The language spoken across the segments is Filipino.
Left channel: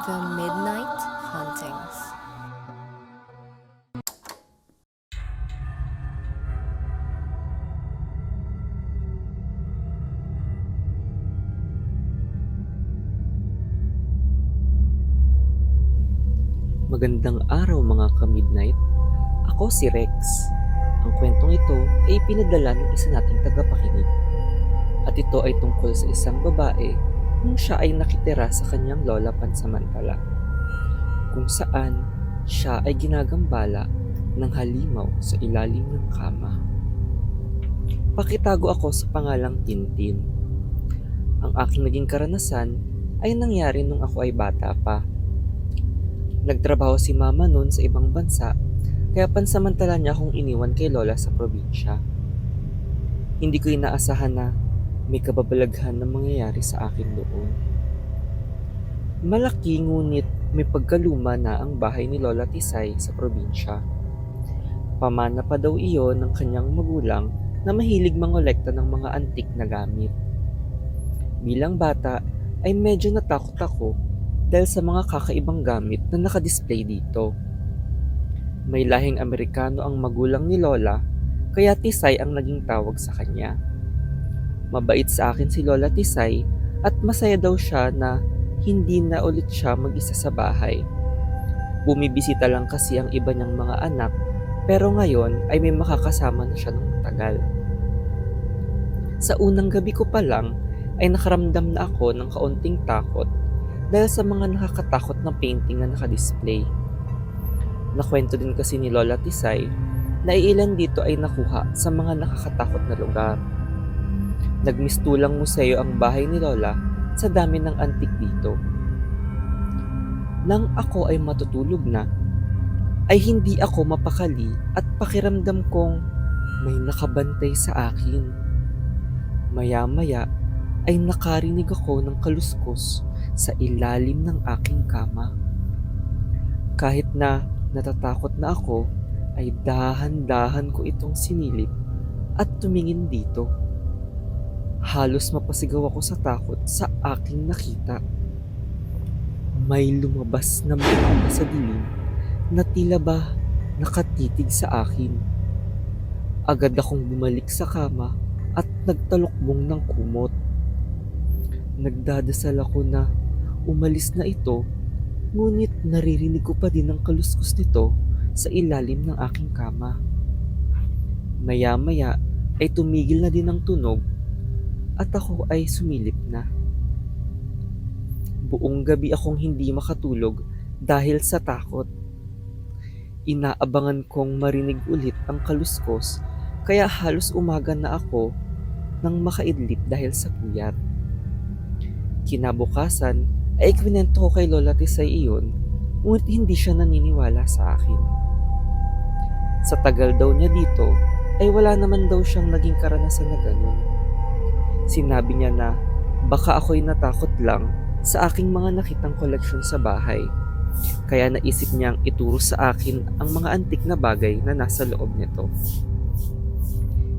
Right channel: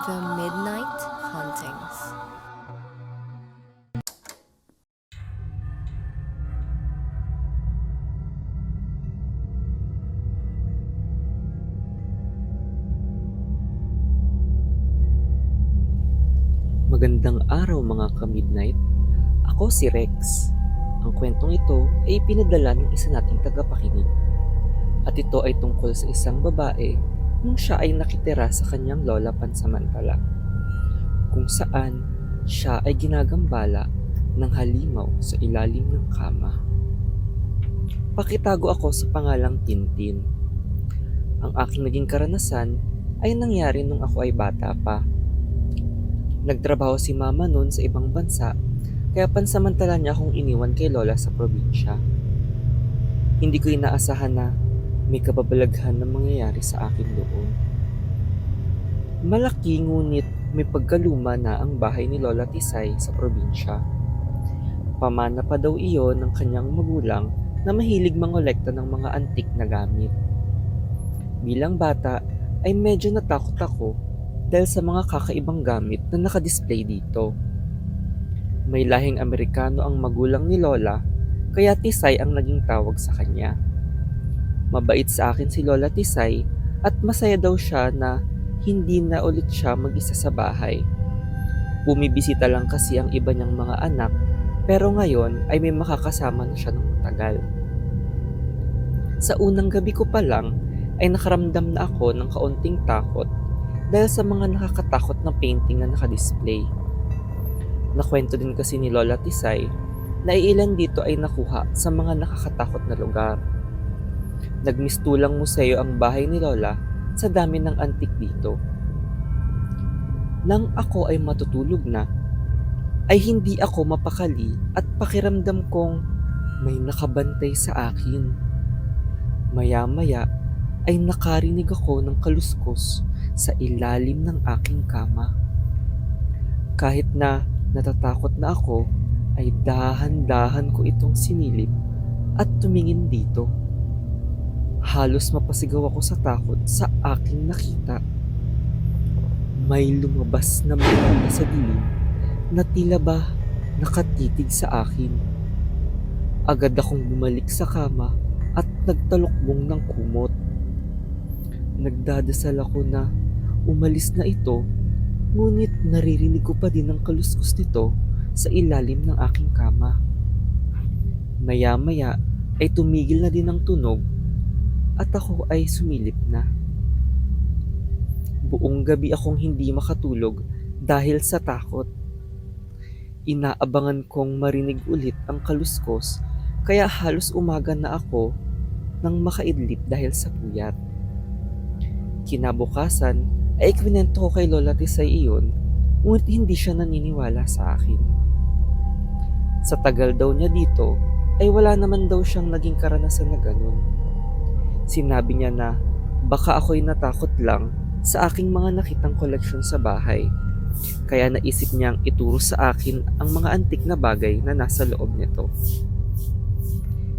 The Midnight Hauntings. Magandang araw mga ka-midnight. Ako si Rex. Ang kwentong ito ay pinadala ng isa nating tagapakinig. At ito ay tungkol sa isang babae nung siya ay nakitira sa kanyang lola pansamantala. Kung saan siya ay ginagambala ng halimaw sa ilalim ng kama. Pakitago ako sa pangalang Tintin. Ang aking naging karanasan ay nangyari nung ako ay bata pa. Nagtrabaho si mama noon sa ibang bansa, kaya pansamantala niya akong iniwan kay lola sa probinsya. Hindi ko inaasahan na may kababalaghan na mangyayari sa akin doon. Malaki ngunit may pagkaluma na ang bahay ni Lola Tisay sa probinsya. Pamana pa daw iyon ng kanyang magulang na mahilig mangolekta ng mga antik na gamit. Bilang bata ay medyo natakot ako dahil sa mga kakaibang gamit na nakadisplay dito. May lahing Amerikano ang magulang ni Lola, kaya Tisay ang naging tawag sa kanya. Mabait sa akin si Lola Tisay at masaya daw siya na hindi na ulit siya mag-isa sa bahay. Bumibisita lang kasi ang iba niyang mga anak, pero ngayon ay may makakasama na siya ng matagal. Sa unang gabi ko pa lang ay nakaramdam na ako ng kaunting takot dahil sa mga nakakatakot na painting na nakadisplay. Nakwento din kasi ni Lola Tisay na ilan dito ay nakuha sa mga nakakatakot na lugar. Nagmistulang museo ang bahay ni Lola sa dami ng antik dito. Nang ako ay matutulog na, ay hindi ako mapakali at pakiramdam kong may nakabantay sa akin. Maya-maya ay nakarinig ako ng kaluskos sa ilalim ng aking kama. Kahit na natatakot na ako, ay dahan-dahan ko itong sinilip at tumingin dito. Halos mapasigaw ako sa takot sa aking nakita. May lumabas na mata sa dilim na tila ba nakatitig sa akin. Agad akong bumalik sa kama at nagtalukbong ng kumot. Nagdadasal ako na umalis na ito, ngunit naririnig ko pa din ang kaluskos nito sa ilalim ng aking kama. Maya-maya ay tumigil na din ang tunog at ako ay sumilip na. Buong gabi akong hindi makatulog dahil sa takot. Inaabangan kong marinig ulit ang kaluskos, kaya halos umaga na ako nang makaidlip dahil sa puyat. Kinabukasan ay ikwinento ko kay Lola Tisay iyon, ngunit hindi siya naniniwala sa akin. Sa tagal daw niya dito ay wala naman daw siyang naging karanasan na ganun. Sinabi niya na baka ako'y natakot lang sa aking mga nakitang koleksyon sa bahay, kaya naisip niyang ituro sa akin ang mga antik na bagay na nasa loob nito.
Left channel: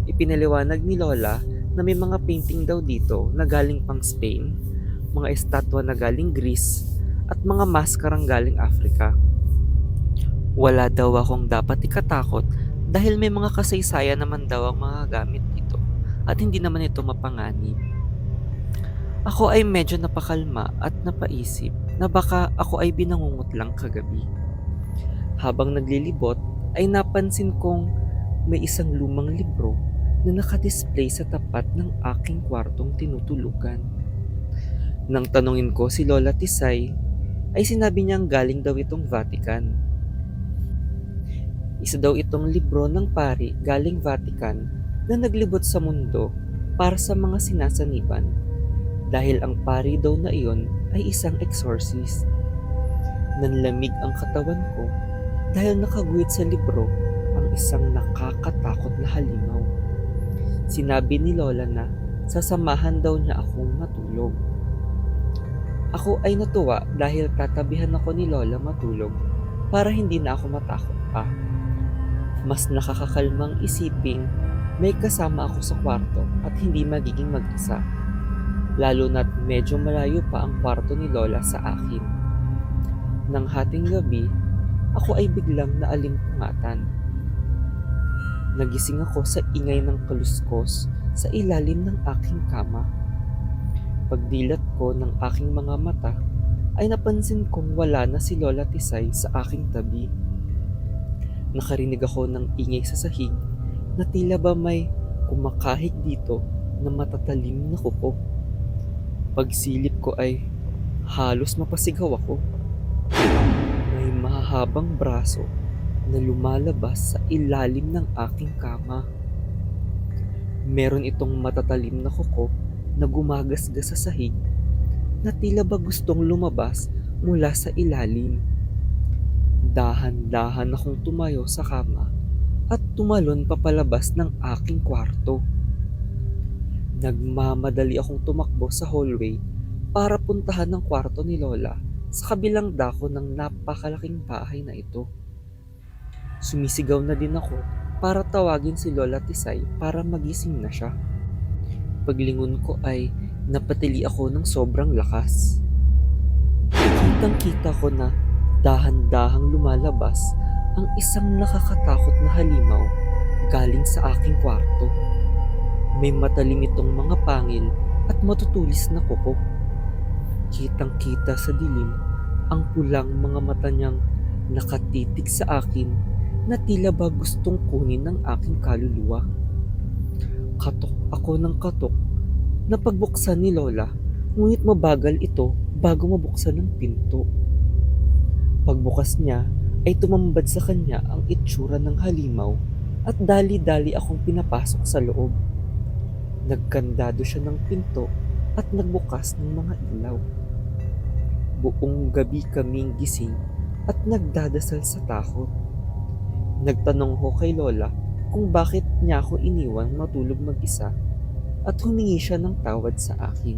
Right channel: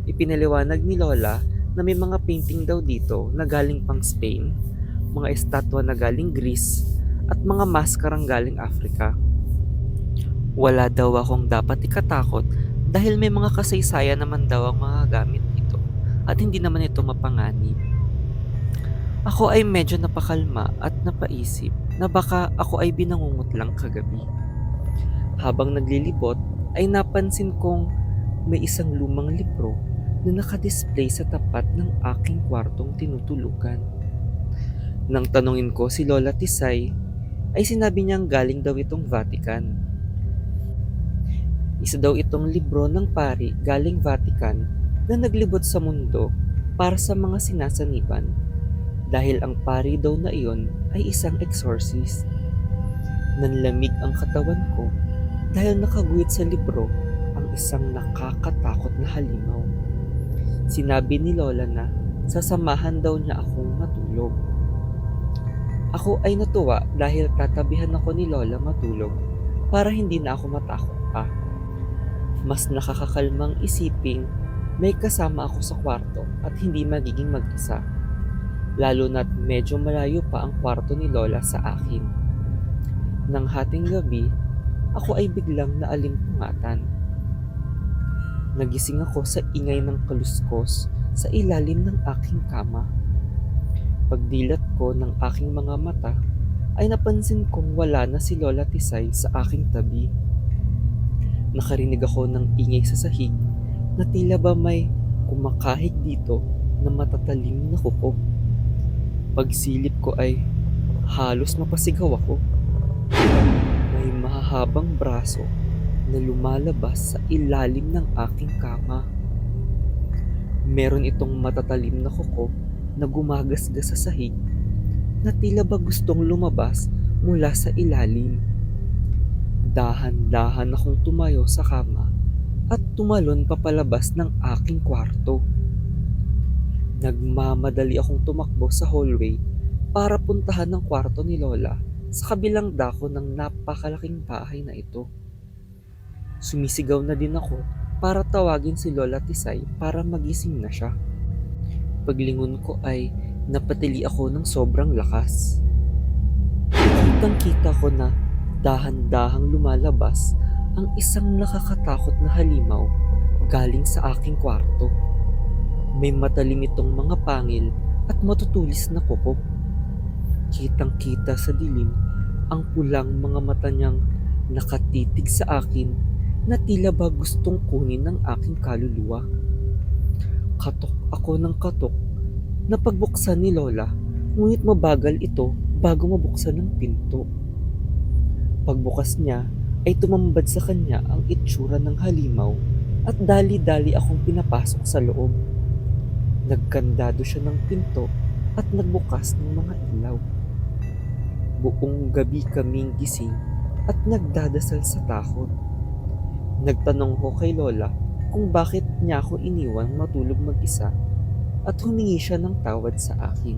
Ipinaliwanag ni Lola na may mga painting daw dito na galing pang Spain, mga estatwa na galing Greece, at mga maskarang galing Africa. Wala daw akong dapat ikatakot dahil may mga kasaysayan naman daw ang mga gamit dito at hindi naman ito mapanganib. Ako ay medyo napakalma at napaisip na baka ako ay binangungot lang kagabi. Habang naglilibot ay napansin kong may isang lumang libro na nakadisplay sa tapat ng aking kwartong tinutulugan. Nang tanungin ko si Lola Tisay, ay sinabi niyang galing daw itong Vatican. Isa daw itong libro ng pari galing Vatican na naglibot sa mundo para sa mga sinasaniban, dahil ang pari daw na iyon ay isang exorcist. Nanlamig ang katawan ko dahil nakaguhit sa libro ang isang nakakatakot na halimaw. Sinabi ni Lola na sasamahan daw niya akong matulog. Ako ay natuwa dahil tatabihan ako ni Lola matulog para hindi na ako matakot pa. Mas nakakakalmang isiping may kasama ako sa kwarto at hindi magiging mag-isa. Lalo na't medyo malayo pa ang kwarto ni Lola sa akin. Nang hating gabi, ako ay biglang naalimpungatan. Nagising ako sa ingay ng kaluskos sa ilalim ng aking kama. Pagdilat ko ng aking mga mata, ay napansin kong wala na si Lola Tisay sa aking tabi. Nakarinig ako ng ingay sa sahig na tila ba may kumakahig dito na matatalim na kuko. Pagsilip ko ay halos mapasigaw ako. May mahahabang braso na lumalabas sa ilalim ng aking kama. Meron itong matatalim na kuko na gumagasgas sa sahig na tila ba gustong lumabas mula sa ilalim. Dahan-dahan akong tumayo sa kama at tumalon papalabas ng aking kwarto. Nagmamadali akong tumakbo sa hallway para puntahan ng kwarto ni Lola sa kabilang dako ng napakalaking bahay na ito. Sumisigaw na din ako para tawagin si Lola Tisay para magising na siya. Paglingon ko ay napatili ako ng sobrang lakas. Kitang-kita ko na dahan-dahang lumalabas ang isang nakakatakot na halimaw galing sa aking kwarto. May matalim itong mga pangil at matutulis na kuko. Kitang-kita sa dilim ang pulang mga mata niyang nakatitig sa akin na tila ba gustong kunin ng aking kaluluwa. Katok ako ng katok na pagbuksan ni Lola, ngunit mabagal ito bago mabuksan ang pinto. Pagbukas niya ay tumambad sa kanya ang itsura ng halimaw at dali-dali akong pinapasok sa loob. Nagkandado siya ng pinto at nagbukas ng mga ilaw. Buong gabi kaming gising at nagdadasal sa takot. Nagtanong ko kay Lola kung bakit niya ako iniwang matulog mag-isa at humingi siya ng tawad sa akin.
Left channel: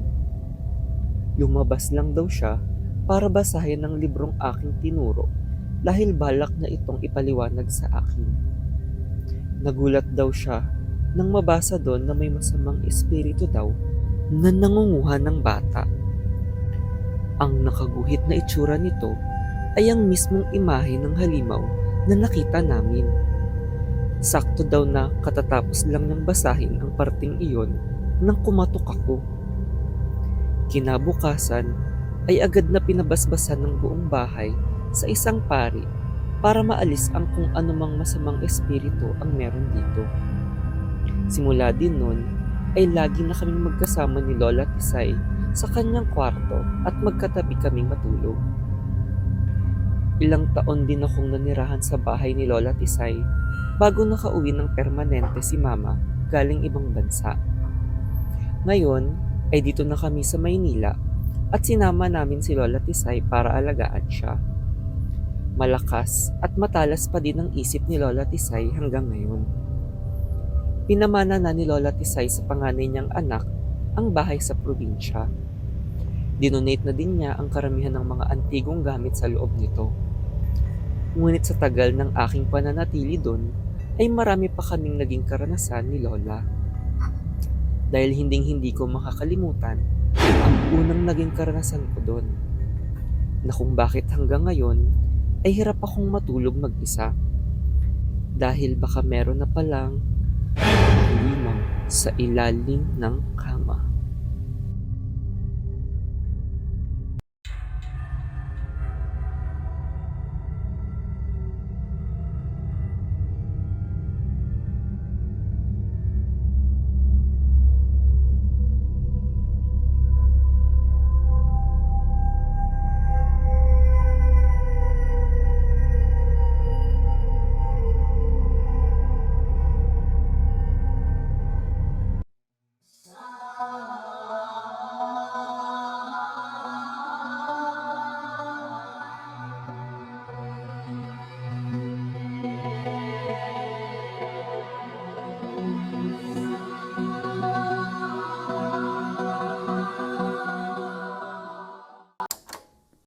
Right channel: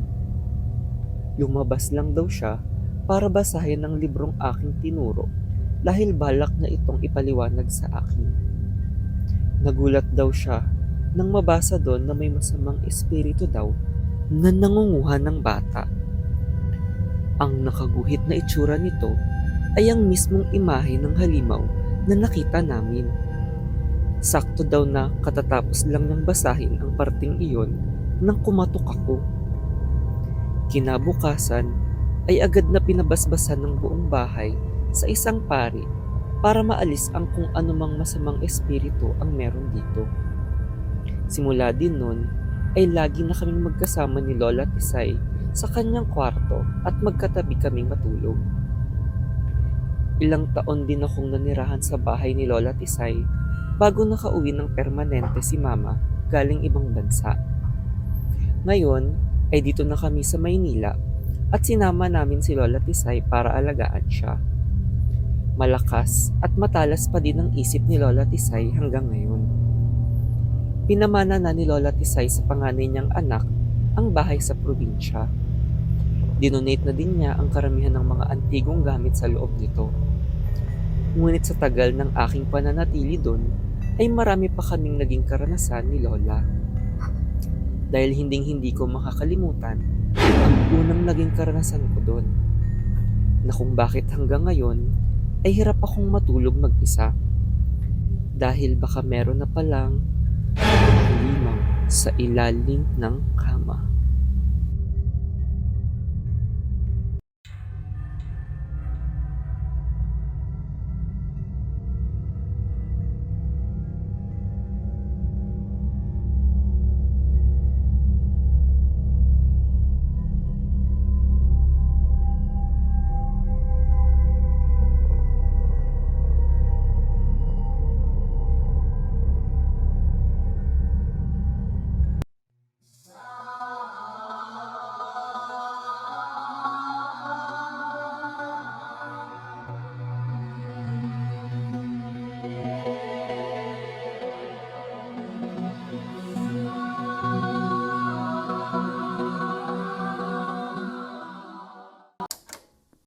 Lumabas lang daw siya para basahin ang librong aking tinuro dahil balak na itong ipaliwanag sa akin. Nagulat daw siya nang mabasa doon na may masamang espiritu daw na nangunguha ng bata. Ang nakaguhit na itsura nito ay ang mismong imahe ng halimaw na nakita namin. Sakto daw na katatapos lang niyang basahin ang parting iyon nang kumatok ako. Kinabukasan ay agad na pinabasbasan ng buong bahay sa isang pari para maalis ang kung anumang masamang espiritu ang meron dito. Simula din nun ay lagi na kaming magkasama ni Lola Tisay sa kanyang kwarto at magkatabi kaming matulog. Ilang taon din akong nanirahan sa bahay ni Lola Tisay bago nakauwi ng permanente si Mama galing ibang bansa. Ngayon ay dito na kami sa Maynila at sinama namin si Lola Tisay para alagaan siya. Malakas at matalas pa din ang isip ni Lola Tisay hanggang ngayon. Pinamana na ni Lola Tisay sa panganay niyang anak ang bahay sa probinsya. Dinonate na din niya ang karamihan ng mga antigong gamit sa loob nito. Ngunit sa tagal ng aking pananatili doon, ay marami pa kaming naging karanasan ni Lola. Dahil hinding-hindi ko makakalimutan ang unang naging karanasan ko doon, na kung bakit hanggang ngayon ay hirap akong matulog mag-isa. Dahil baka meron na palang halimaw sa ilalim ng kama.